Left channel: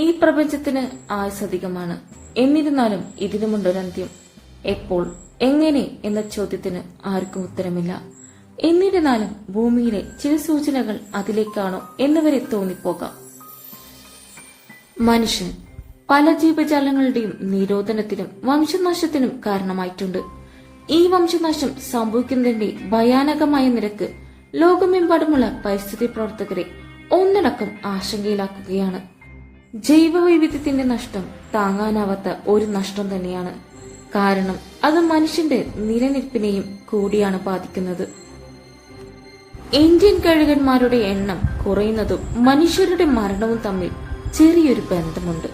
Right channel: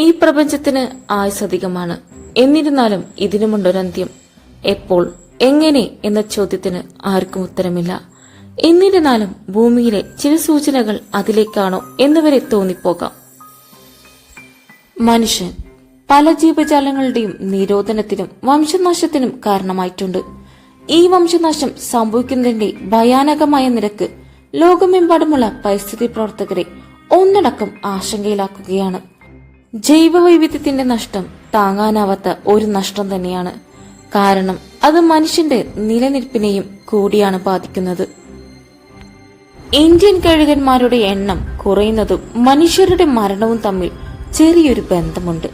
ഈ പ്രപഞ്ചത്തിന് ആയുസധികമാണ്. എന്നിരുന്നാലും ഇതിനുമുണ്ടൊരന്ത്യം. എപ്പോൾ, എങ്ങനെ എന്ന ചോദ്യത്തിന് ആർക്കും ഉത്തരമില്ല. എന്നിരുന്നാലും ഭൂമിയിലെ ചില സൂചനകൾ അതിലേക്കാണോ എന്നുവരെ തോന്നിപ്പോകാം. മനുഷ്യൻ പല ജീവജാലങ്ങളുടെയും നിരോധനത്തിനും വംശനാശത്തിനും കാരണമായിട്ടുണ്ട്. ഈ വംശനാശം സംഭവിക്കുന്നതിന്റെ ഭയാനകമായ നിരക്ക് ലോകമെമ്പാടുമുള്ള പരിസ്ഥിതി പ്രവർത്തകരെ ഒന്നടക്കം ആശങ്കയിലാക്കുകയാണ്. ജൈവവൈവിധ്യത്തിന്റെ നഷ്ടം താങ്ങാനാവാത്ത ഒരു നഷ്ടം തന്നെയാണ്. കാരണം അത് മനുഷ്യന്റെ നിലനിൽപ്പിനെയും കൂടിയാണ് ബാധിക്കുന്നത്. ഇന്ത്യൻ കഴുകന്മാരുടെ എണ്ണം കുറയുന്നതും മനുഷ്യരുടെ മരണവും തമ്മിൽ ചെറിയൊരു ബന്ധമുണ്ട്.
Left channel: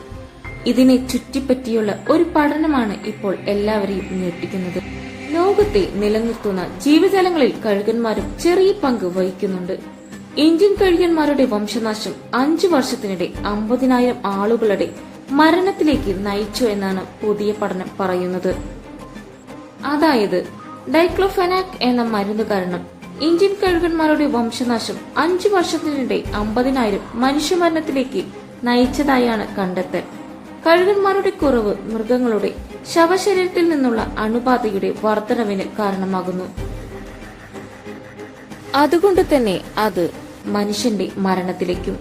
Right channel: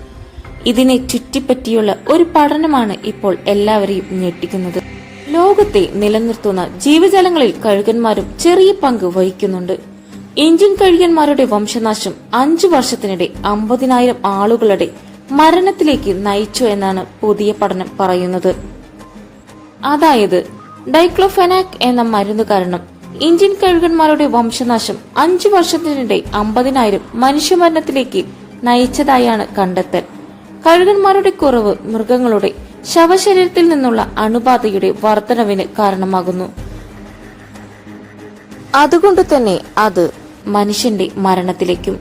ഇതിനെ ചുറ്റിപ്പറ്റിയുള്ള ഒരു പഠനമാണ് ഇപ്പോൾ എല്ലാവരെയും ഞെട്ടിക്കുന്നത്. ലോകത്തെ നിലനിർത്തുന്ന ജീവജാലങ്ങളിൽ കഴുകന്മാരും ചെറിയ പങ്ക് വഹിക്കുന്നുണ്ട്. ഇന്ത്യൻ കഴുകന്മാരുടെ വംശനാശം 5 വർഷത്തിനിടെ 50,000 ആളുകളുടെ മരണത്തിലേക്ക് നയിച്ചു എന്നാണ് പുതിയ പഠനം പറയുന്നത്. അതായത് ഡൈക്ലോഫെനാക് എന്ന മരുന്ന് കാരണം ഇന്ത്യൻ കഴുകന്മാരുടെ വംശനാശം 5 വർഷത്തിനിടെ 50,000 മനുഷ്യമരണത്തിലേക്ക് നയിച്ചതായാണ് കണ്ടെത്തൽ. കഴുകന്മാരുടെ കുറവ് മൃഗങ്ങളുടെ ശവശരീരത്തിൽ നിന്നുള്ള അണുബാധയുടെ വർധനവിന് കാരണമാകുന്നു. അതുകൊണ്ട് തന്നെ അത് മനുഷ്യന്റെ മരണത്തിലേക്കും.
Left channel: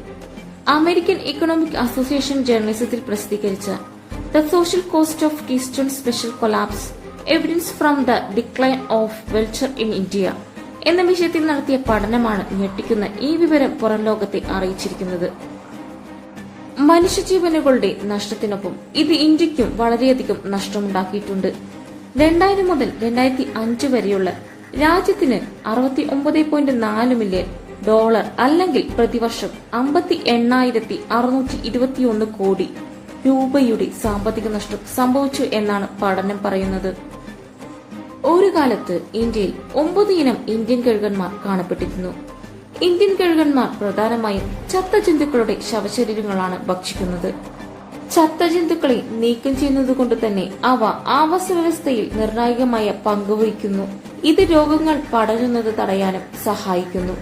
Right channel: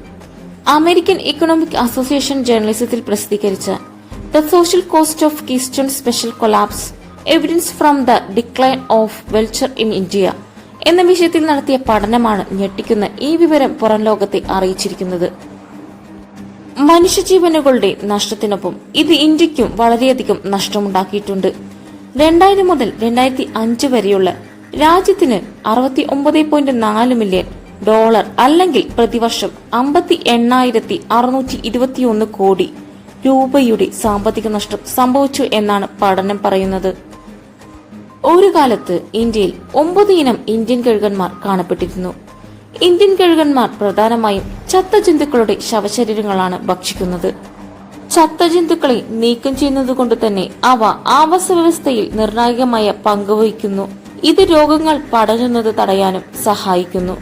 അമേരിക്കൻ ഇക്കണോമിക് അസോസിയേഷൻ ജേർണലിസത്തിൽ പ്രസിദ്ധീകരിച്ച the social cost of keystone special collapse evidence from the decline of vulture in India എന്ന വിഷയത്തിൽ നടത്തിയ പഠനമാണ് ഞെട്ടിക്കുന്ന ഈ വിവരം പുറം ലോകത്തെ അറിയിച്ചിരിക്കുന്നത്. മനുഷ്യജീവനുകളുടെ നഷ്ടത്തിനൊപ്പം ഇത് ഇന്ത്യക്കും വളരെയധികം നഷ്ടമുണ്ടാക്കിയിട്ടുണ്ട്. 2000 മുതൽ 2005 വരെയുള്ള രാജ്യത്തിന് $69.4 മില്യൺ അല്ലെങ്കിൽ പ്രതിവർഷം 58,621 കോടി രൂപയുടെ സാമ്പത്തിക നഷ്ടം സംഭവിച്ചു എന്നാണ് പഠനം പറയുന്നത്. ഒരു കാലത്ത് ഇന്ത്യയിൽ 9 ഇനം ഇന്ത്യൻ കഴുകന്മാർ കാണപ്പെട്ടിരുന്നു. ഇന്ത്യൻ കഴുകന്മാർ പ്രധാനമായും ചത്ത ജന്തുക്കളുടെ ശവശരീരങ്ങളാണ് ഭക്ഷിക്കുന്നത്. ചത്ത ജന്തുക്കളെ നീക്കം ചെയ്യുന്നതുകൊണ്ട് തന്നെ അവ ആവാസ വ്യവസ്ഥയിൽ നിർണായകമായ പങ്കുവഹിക്കുന്നു. ഇത് രോഗങ്ങൾ പടരുന്നത് തടയാനും സഹായിക്കുന്നു.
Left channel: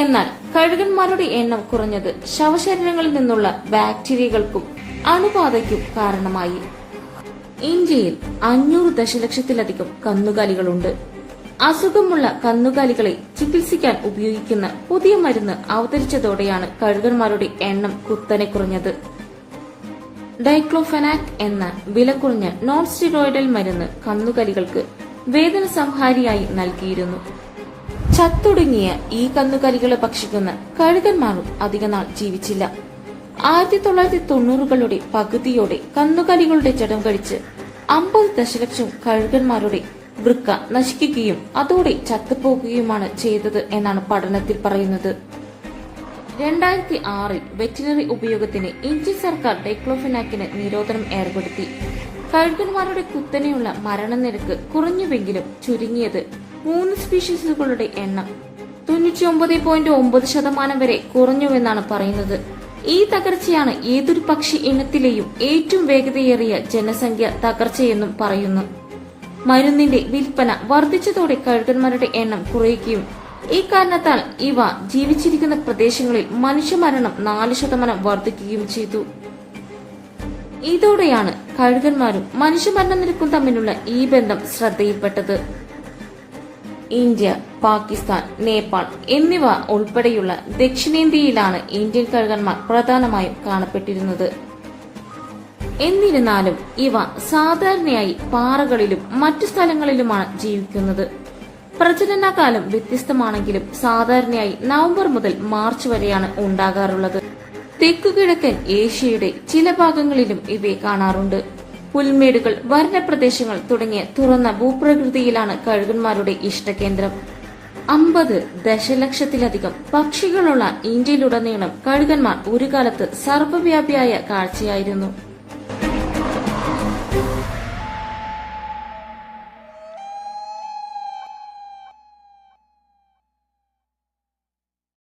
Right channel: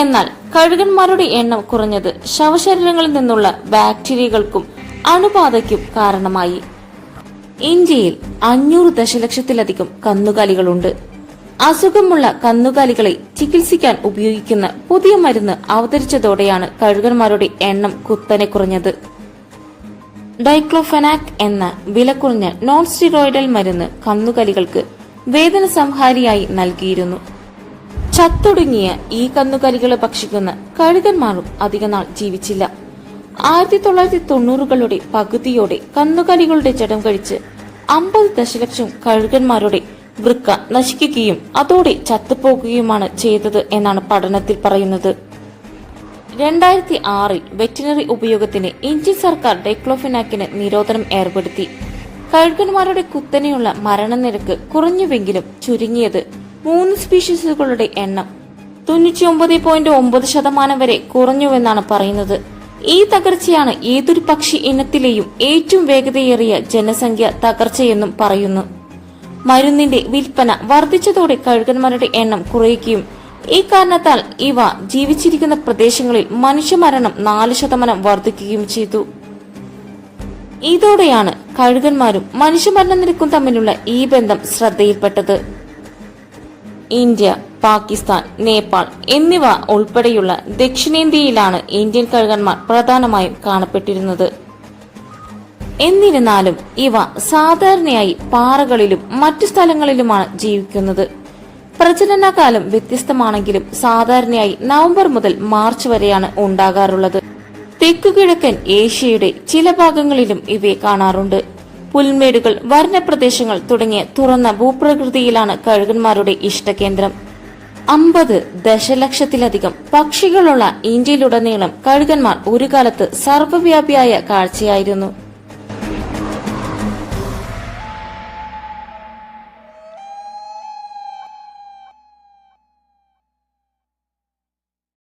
എന്നാൽ കഴുകന്മാരുടെ എണ്ണം കുറഞ്ഞത് ശവശരീരങ്ങളിൽ നിന്നുള്ള ബാക്ടീരിയകൾക്കും അണുബാധയ്ക്കും കാരണമായി. ഇന്ത്യയിൽ 500 ദശലക്ഷത്തിലധികം കന്നുകാലികളുണ്ട്. അസുഖമുള്ള കന്നുകാലികളെ ചികിത്സിക്കാൻ ഉപയോഗിക്കുന്ന പുതിയ മരുന്ന് അവതരിച്ചതോടെയാണ് കഴുകന്മാരുടെ എണ്ണം കുത്തനെ കുറഞ്ഞത്. ഡൈക്ലോഫെനാക് എന്ന വില കുറഞ്ഞ നോൺ സ്റ്റിറോയിഡൽ മരുന്ന് കന്നുകാലികൾക്ക് വേദന സംഹാരിയായി നൽകിയിരുന്നു. ചത്തൊടുങ്ങിയ ഈ കന്നുകാലികളെ ഭക്ഷിക്കുന്ന കഴുകന്മാരും അധികനാൾ ജീവിച്ചില്ല. 1990കളുടെ പകുതിയോടെ കന്നുകാലികളുടെ ജഡം കഴിച്ച് 50 ദശലക്ഷം കഴുകന്മാരുടെ വൃക്ക നശിക്കുകയും അതോടെ ചത്തുപോകുകയുമാണ് ചെയ്തത് എന്നാണ് പഠനത്തിൽ പറയുന്നത്. 2006 വെറ്റിനറി ഉപയോഗത്തിന് ഇന്ത്യൻ സർക്കാർ ഡൈക്ലോഫെനാക്കിന് നിരോധനം ഏർപ്പെടുത്തി. കഴുകന്മാരുടെ കുത്തനെയുള്ള മരണനിരക്ക് കുറഞ്ഞുവെങ്കിലും ചുരുങ്ങിയത് 3 സ്പീഷീസുകളുടെ എണ്ണം 99.9% വരെ കുറഞ്ഞുവെന്നാണ് പറയുന്നത്. ഈ തകർച്ചയാണ് ഏതൊരു പക്ഷി ഇനത്തിലെയും ഏറ്റവും വേഗതയേറിയ ജനസംഖ്യ തകർച്ചയെന്നും പറയുന്നു. മരുന്നിന്റെ വിൽപ്പന വർദ്ധിച്ചതോടെ കഴുകന്മാരുടെ എണ്ണം കുറയുകയും ഈ കാരണത്താൽ ഇവ ജീവിച്ചിരിക്കുന്ന പ്രദേശങ്ങളിൽ മനുഷ്യമരണം 4% വർദ്ധിക്കുകയും ചെയ്തു. ഇതോടെയാണ് കഴുകന്മാരും മനുഷ്യമരണ നിരക്കും തമ്മിലുള്ള ഈ ബന്ധം ശ്രദ്ധയിൽപ്പെട്ടത്. ഇന്ത്യ, പാകിസ്ഥാൻ, നേപ്പാൾ എന്നിവ ഉൾപ്പെടെയുള്ള ദക്ഷിണേന്ത്യയിലാണ് ഇന്ത്യൻ കഴുകന്മാർ പ്രധാനമായും കാണപ്പെട്ടിരുന്നത്. എന്നിരുന്നാലും ഇവ സാധാരണയായി പാറകളിലും മറ്റു സ്ഥലങ്ങളിലുമാണ് ജീവിക്കുന്നത്. പ്രജനനകാലം വ്യത്യസ്തമാണെങ്കിലും സാധാരണയായി നവംബർ മുതൽ മാർച്ച് വരെയാണ് ഉണ്ടാകാറുള്ളത്. തെക്കുകിഴക്കൻ ഏഷ്യയുടെ ചില ഭാഗങ്ങളിലും ഇവയെ കാണാറുണ്ട്. പുൽമേടുകൾ, വനപ്രദേശങ്ങൾ തുടങ്ങിയ തുറന്ന ഭൂപ്രകൃതിയിലാണ് കഴുകന്മാരുടെ ഇഷ്ടകേന്ദ്രം. 50 ദശലക്ഷത്തിലധികം പക്ഷികളുള്ള ഇന്ത്യയിലുടനീളം കഴുകന്മാർ ഒരു കാലത്ത് സർവ്വവ്യാപിയായ കാഴ്ചയായിരുന്നു.